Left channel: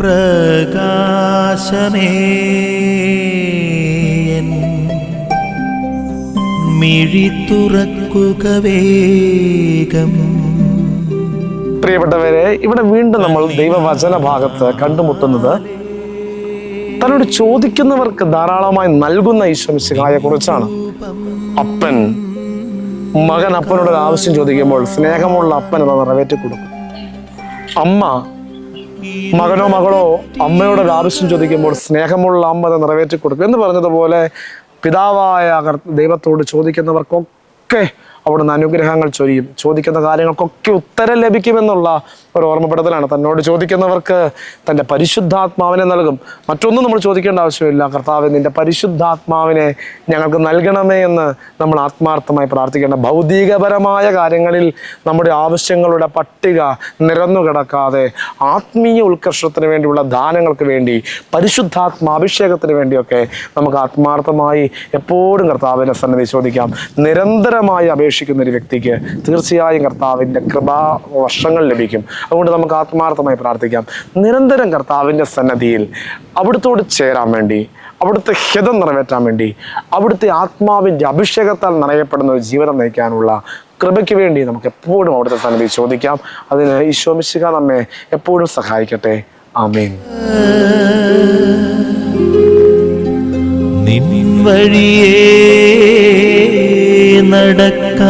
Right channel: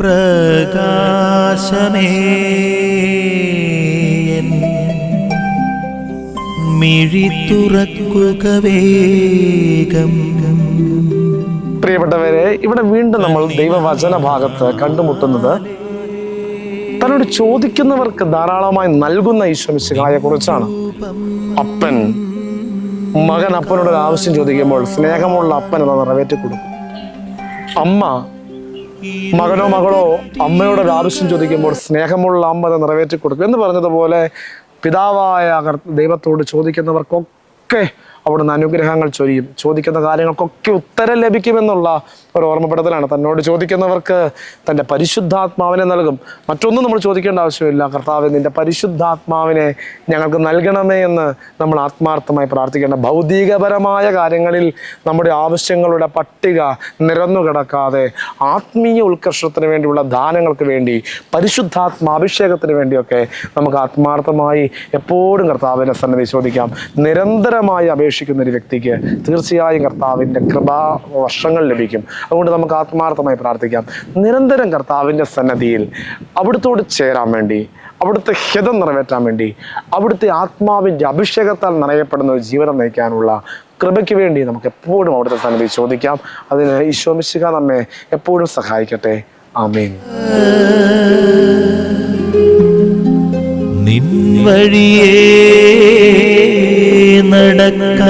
പ്രകാശമേ മിഴി തുറക്കുക വേഗം. പ്രിയപ്പെട്ടവരെ, ഇവിടെ വീണ്ടും നമ്മൾ ദൈവവചന ഭാഗത്ത് കണ്ടുമുട്ടുന്നത് തന്നോട് ചോദിക്കുന്നവർക്ക് ധാരാളമായി നൽകുന്ന ഈശോമിശിഹായെ കുറിച്ചാണ്. അപ്പൻ മകൻ അപ്പനോട് ഒരു ആവശ്യം ചോദിക്കുമ്പോൾ സ്നേഹമുള്ള അപ്പൻ അത് നിറവേറ്റി കൊടുക്കും. അമ്മ മകനോ മകളോ അമ്മയോട് ഒരു ആവശ്യം ചോദിക്കുമ്പോൾ സ്നേഹമുള്ള അമ്മ അത് നിറവേറ്റി കൊടുക്കും. എന്ന് പറഞ്ഞതുപോലെ പിതാവായ ദൈവത്തോട് ചോദിക്കുന്നവർക്കൊക്കെ അവിടുന്ന് അനുഗ്രഹങ്ങൾ ചൊരിയും. ചോദിക്കുന്ന കാര്യങ്ങൾക്കൊക്കെ ഉത്തരം ലഭിക്കുമെന്നുള്ള ഒരു ഓർമ്മപ്പെടുത്തലാണ്. തന്നോട് ചോദിക്കുന്നവർക്ക് തൻ്റെ പരിശുദ്ധാത്മാവിനെ നൽകും. മറ്റൊന്നും നമ്മൾ ചോദിക്കേണ്ട ആവശ്യമില്ല. കർത്താവേ, നിൻ്റെ പരിശുദ്ധാത്മാവിനെ ഞങ്ങൾക്ക് നൽകണമേ എന്ന് നമ്മൾ ആത്മാർത്ഥമായി പ്രാർത്ഥിക്കേണ്ട. ഭൗതികപരമായ കാര്യങ്ങളിൽ നമ്മുടെ ആവശ്യങ്ങളുടെ പട്ടിക നിരന്നു കിടക്കാതെ ആത്മീയ ഉത്കർഷത്തിന് വേണ്ടിയുള്ള ദാനങ്ങൾക്ക് വേണ്ടി, പരിശുദ്ധാത്മാഭിഷേകത്തിന് വേണ്ടിയൊക്കെ നമുക്ക് ആത്മാർത്ഥമായി എപ്പോഴും കർത്താവിൻ്റെ സന്നിധി ചോദിക്കാം. നിരന്തരമായി അപേക്ഷിക്കുന്ന ഒരു വ്യക്തിക്ക് തീർച്ചയായും കർത്താവിൻ്റെ കൃപാവർഷങ്ങൾ ലഭിക്കും. അതുകൊണ്ട് നമുക്ക് ആത്മാർത്ഥമായി പ്രാർത്ഥിക്കാം. നിരന്തരം കർത്താവിൻ്റെ സന്നിധിയിൽ അവിടുത്തോട് ചേരാൻ വേണ്ടി, അവിടുത്തെ ഹിതം നിറവേറ്റാൻ വേണ്ടി, അവിടുത്തെ ആത്മാവിൻ്റെ അഭിഷേകത്താൽ നിറയപ്പെടുന്ന ഒരു ജീവിതം നയിക്കാനുള്ള കൃപയ്ക്ക് വേണ്ടി നമുക്ക് എപ്പോഴും അവിടുത്തെ സന്നിധി ചോദിക്കാം. അതിന് ഈശോ മിശിഹാ നമ്മെ എപ്പോഴും സഹായിക്കട്ടെ. ആമേൻ. നിൻ വഴിയേ നടക്ക